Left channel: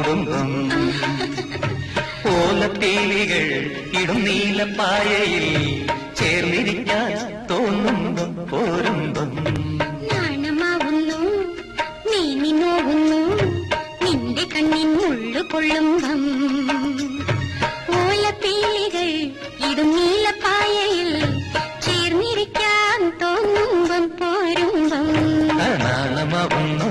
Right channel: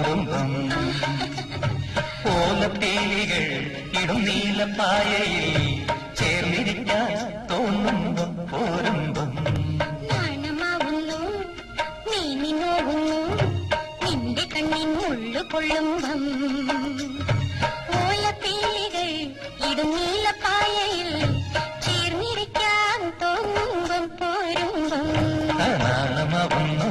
മൂടുമ്പം ഓലപ്പീലികൾ ഇടും നീലപ്പായയിൽ ചേർന്നിരിക്കാൻ തോന്നുമ്പം പോരുമ്പം നാണമാവുന്നു നീ നോവുന്നു നിന്റെ കണ്ണിൻ ഉള്ളു കൊള്ളുമ്പം ഓലപ്പീലികൾ ഇടും നീലപ്പായയിൽ ചേർന്നിരിക്കാൻ തോന്നുമ്പം പോരുമ്പം നാണമാവുന്നു